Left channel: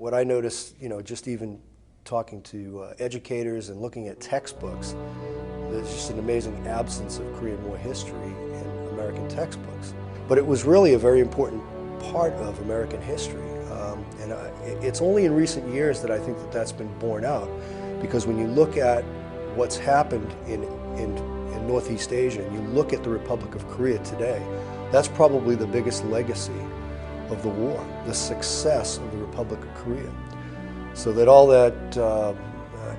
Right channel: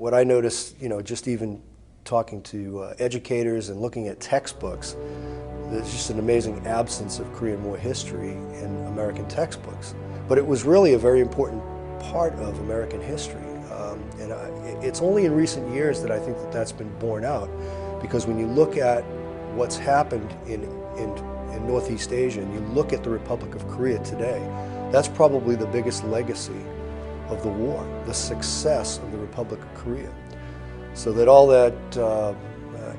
what I noticed, just even talking to educators and looking at textbooks, there's just an amazing absence of Korean War history in American textbooks. But it was really a very important part of American history. It's only in recent years that I think that that's been borne out, because when you look at what's happened in Northeast Asia and you look at the Republic of Korea today, that's probably the biggest legacy of the war, the success of the Republic of Korea. So that all that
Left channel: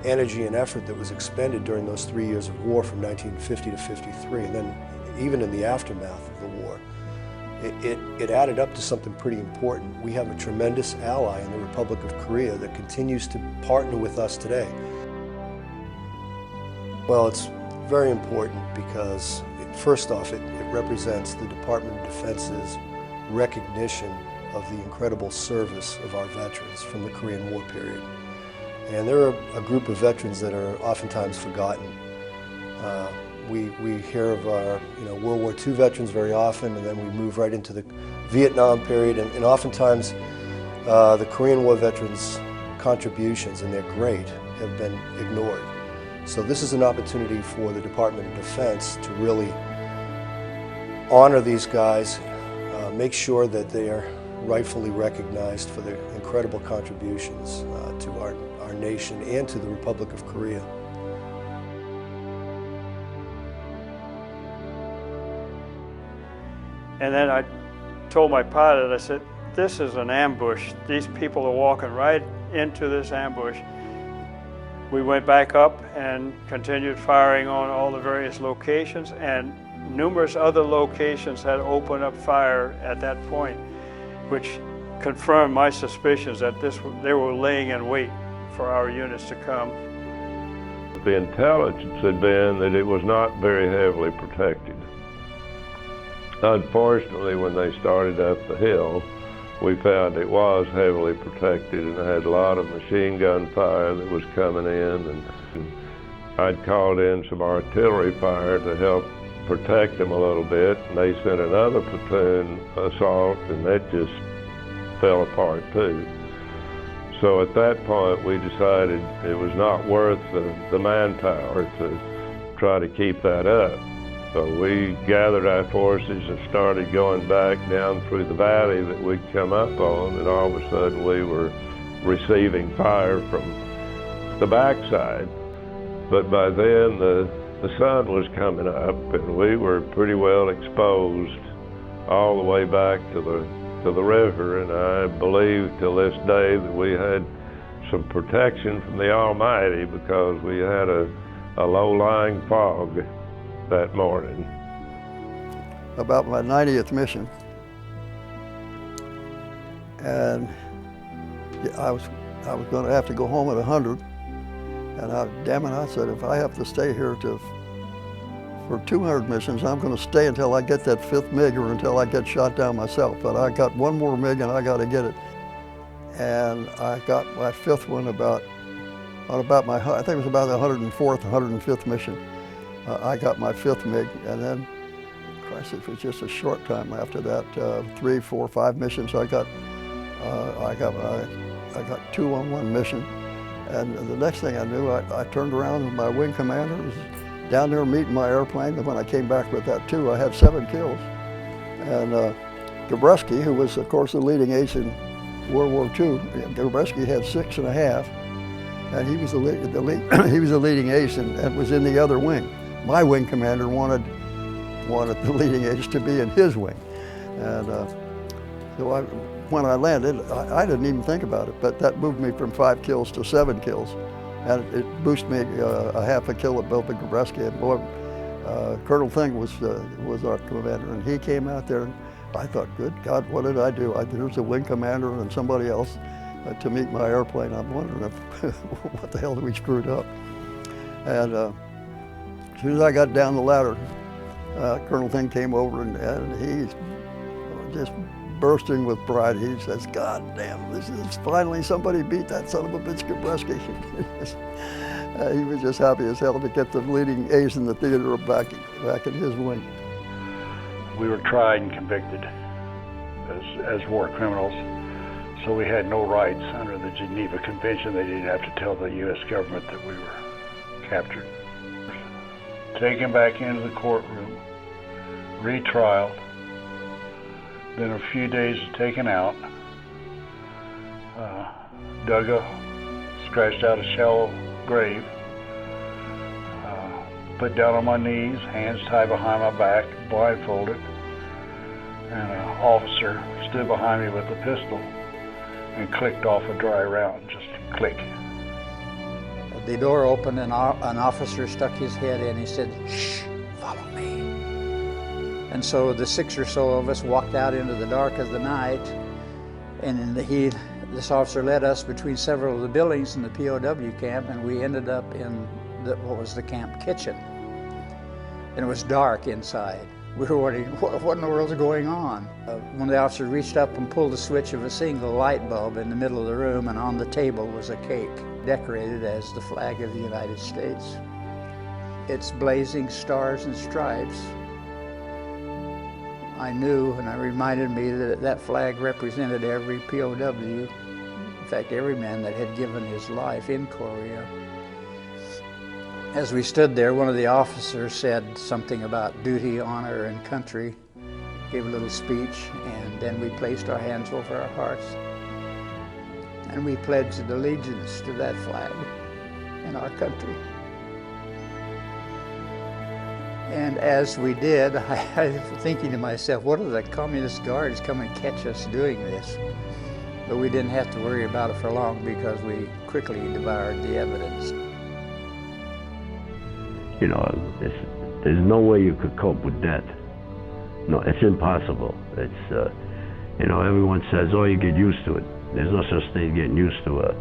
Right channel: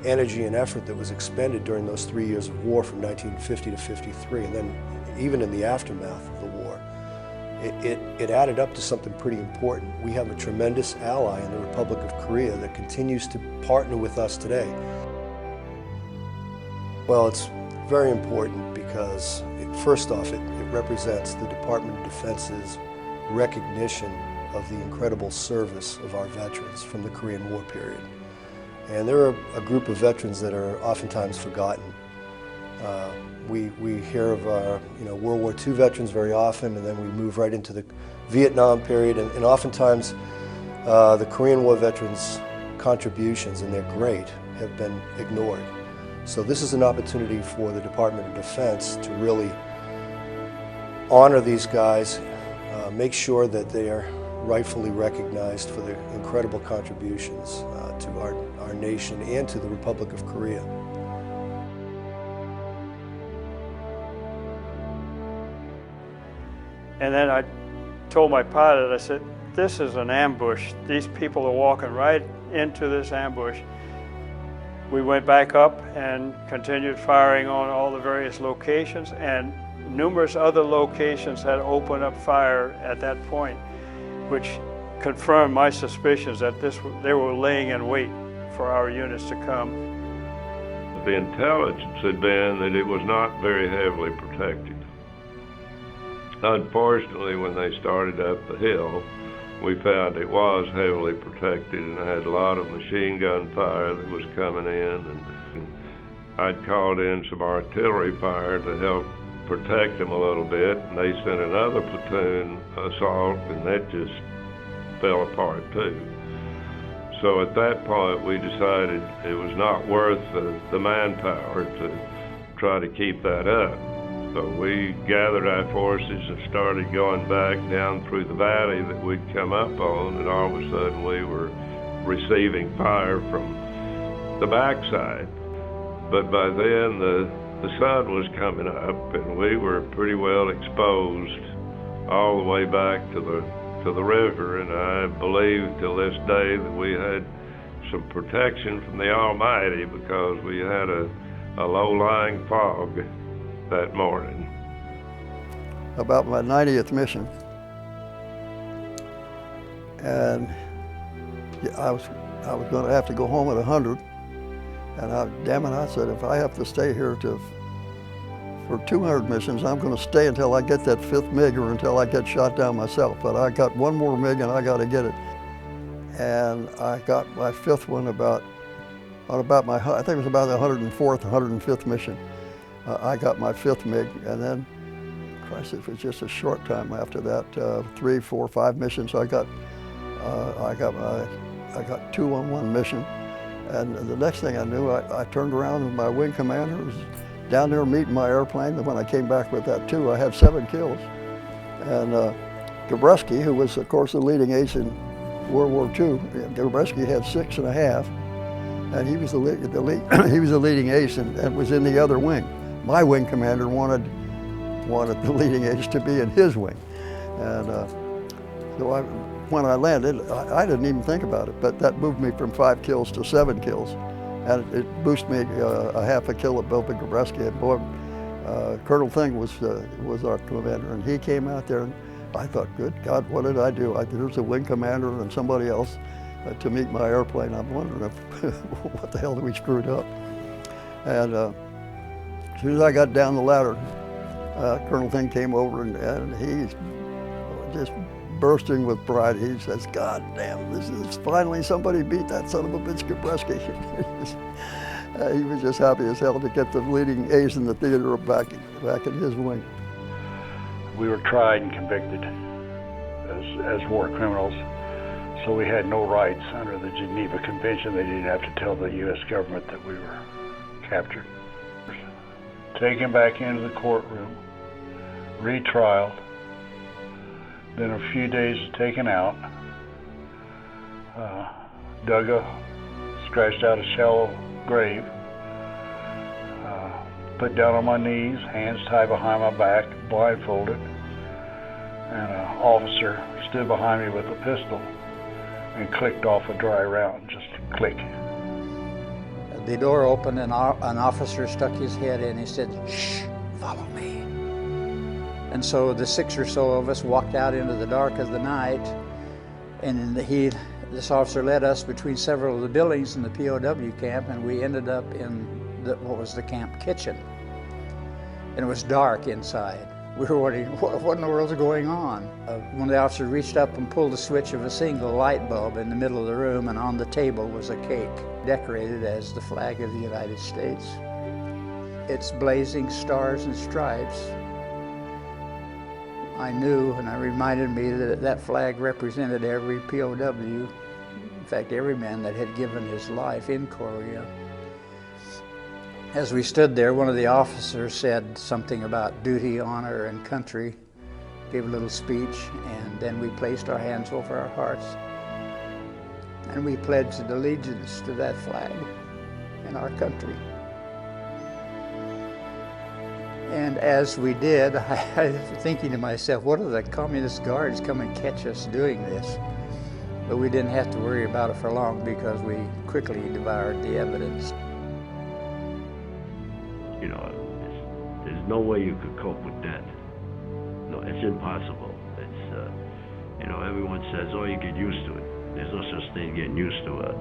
energy and effort that was expended during those 3 years of war from 1950 to 53, and then even in the aftermath of the war, it added up to something pretty important. We have a tremendous ally in the Republic of Korea that continues to partner with us today. Well, it's very important because, first off, it represents the Department of Defense's recognition of the incredible service of our veterans from the Korean War period. And there are a group of veterans that are oftentimes forgotten. We hear of our World War II veterans very often, and then we move right into the Vietnam period, and oftentimes the Korean War veterans' contributions, and they're great, have been ignored. So this is an opportunity for the Department of Defense to really honor these guys, make sure that they are rightfully recognized for their incredible contributions to our nation and to the Republic of Korea. And then I told my pilot, I said, this is an ambush. These people are walking right into this ambush. We went back up and continued firing on all the various locations, and numerous other locations had opened up fire at that point, which confirmed my suspicions that they were laying in wait for our units to come. The intelligence had been that it was not very heavily protected. Unfortunately, when they started up the hill, we found it was heavily protected and had a lot of machine gun fire that was coming in. And I'd called in some artillery fire to help protect them a little bit, and they sent another platoon assault, and that just fell apart too. So at that point, we decided it was not worth the manpower to try to keep that up. So we gathered our forces and started going back down through the valley that we'd come up on, and all of a sudden we were receiving fire from the backside. But by then the sun was coming up, and we were pretty well exposed all the way back to the river, and I believe till this day that we had some protection from the Almighty because we had a low-lying fog that morning. About my 90th mission, and I was going to have to go home at 100, and damn it, I said, if I have to stay here for 200 missions, I'm going to stay until I get that 5th MiG or until I get shot down myself. But I got one more MiG and I got to get it. And I got my 5th one I think it was about the 104th, 105th mission. I got my 5th MiG, and then, Christ, it was just a short time after that, 3, 4, 5 missions. I got 2 on one mission, and the next thing I knew, I turned around and my wing commander was down there meeting my airplane. And when I came back with that 2, I had 7 kills. And KW60, who was, of course, the leading ace in World War II, KW60 had 6.5, and he was the leading ace and was in the other wing. My wing commander wanted the leading ace to be in his wing. And so when I landed, I didn't even think about it, but that moved me from 5 kills to 7 kills. And it boosted me a half a kill above the KW60. And boy, Colonel Thing was our commander, and he came out there, and I thought, good God, what did I do? There's a wing commander and somebody else to meet my airplane. I'm wondering what the hell did we screwed up? And as soon as I got down the ladder, Colonel Thing came over, and he's just bursting with pride. He says, God damn, this is finally somebody beat that son of a bitch KW60. He was just happy as hell to get the leading ace in the theater back in his wing. We were tried and convicted as war criminals. So we had no rights under the Geneva Convention. They didn't have to tell the U.S. government that we were captured. Taken back into the courtroom, retrialed, then a few days taken out, dug scratched out a shallow grave, put down on my knees, hands tied behind my back, blindfolded, and an officer stood behind me with a pistol and clicked off a dry round, just click. The door opened and an officer stuck his head in. He said, "Shh, follow me." And so the 6 or so of us walked out into the dark of the night, and this officer led us between several of the buildings in the POW camp, and we ended up in what was the camp kitchen. And it was dark inside. We were wondering, what in the world is going on? One of the officers reached up and pulled the switch of a single light bulb in the middle of the room, and on the table was a cake decorated as the flag of the United States. Its blazing stars and stripes. I knew, and it reminded me that that flag represented every POW, in fact, every man that had given his life in Korea. As we stood there, one of the officers said something about duty, honor, and country, gave a little speech, and then we placed our hands over our hearts, and we pledged allegiance to that flag and our country. And as we did, I was thinking to myself, what are the communist guards come and catch us doing this? But we didn't have to worry about it for long because we quickly devoured the evidence. You know, there's no way you could cope with that. No, it's impossible. It's, you know, everyone says, oh, you get used to it. There's no such thing as getting used to it.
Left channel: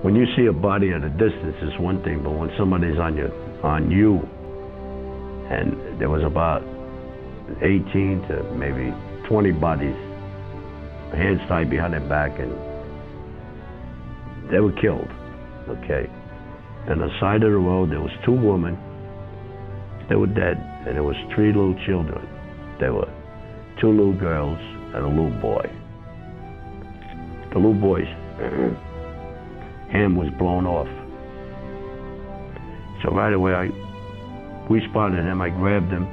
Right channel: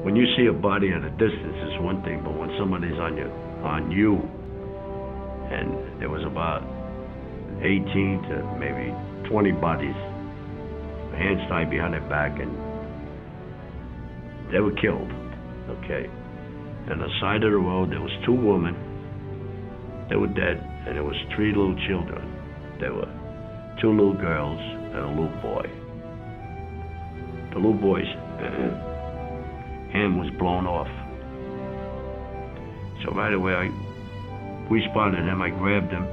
When you see a body at a distance, it's one thing, but when somebody's on you, and there was about 18 to maybe 20 bodies, hands tied behind their back, and they were killed, okay? On the side of the road, there was 2 women, they were dead, and there was 3 little children. There were 2 little girls and a little boy. The little boy's hand was blown off. So right away, we spotted him, I grabbed him,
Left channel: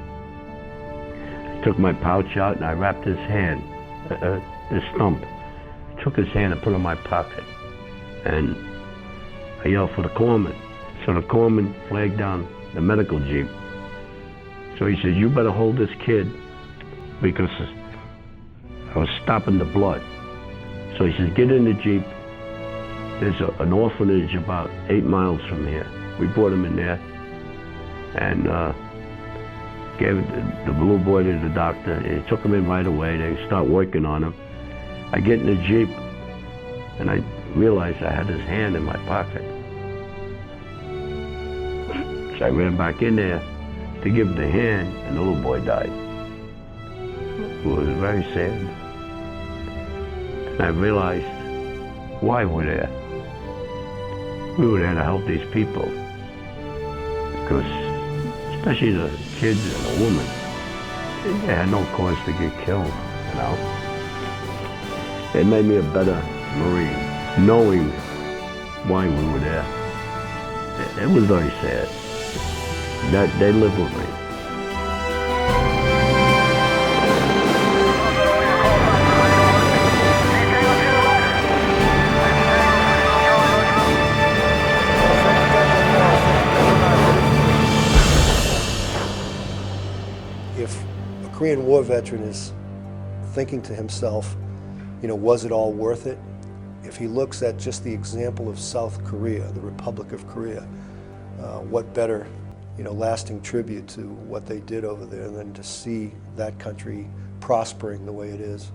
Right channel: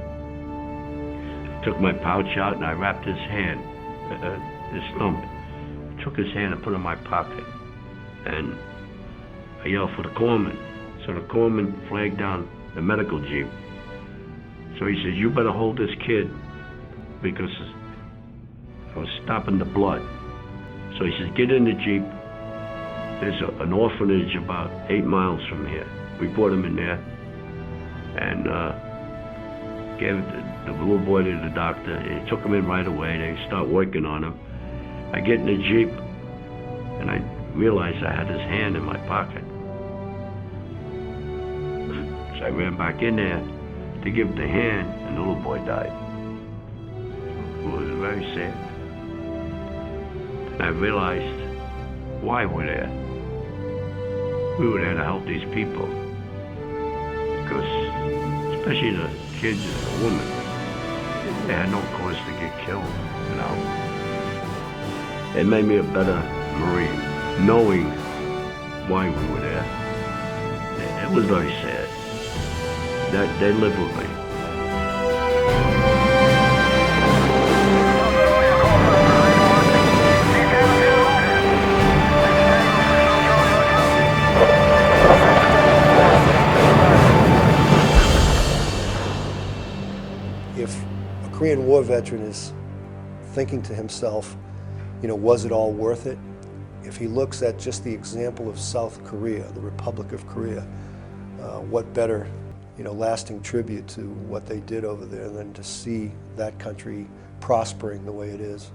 took my pouch out, and I wrapped his hand, his stump. I took his hand and put it in my pocket, and I yelled for the corpsman. So the corpsman flagged down the medical jeep. So he says, you better hold this kid because I was stopping the blood. So he says, get in the jeep. There's an orphanage about 8 miles from here. We brought him in there and gave the little boy to the doctor. He took him in right away. They start working on him. I get in the jeep and I realized I had his hand in my pocket. So I ran back in there to give him the hand, and the little boy died. It was very sad. And I realized why we're there. We were there to help these people. Because, especially the kids and the women, they had no cause to get killed, you know. It made me a better Marine, knowing why we were there. It was very sad. They lived with me. If a Korean War veteran is thinking to himself, you know, was it all worth it? If he looks at just the example of South Korea, the Republic of Korea, what better, you know, lasting tribute to what they did over there than to see that country prospering the way it is.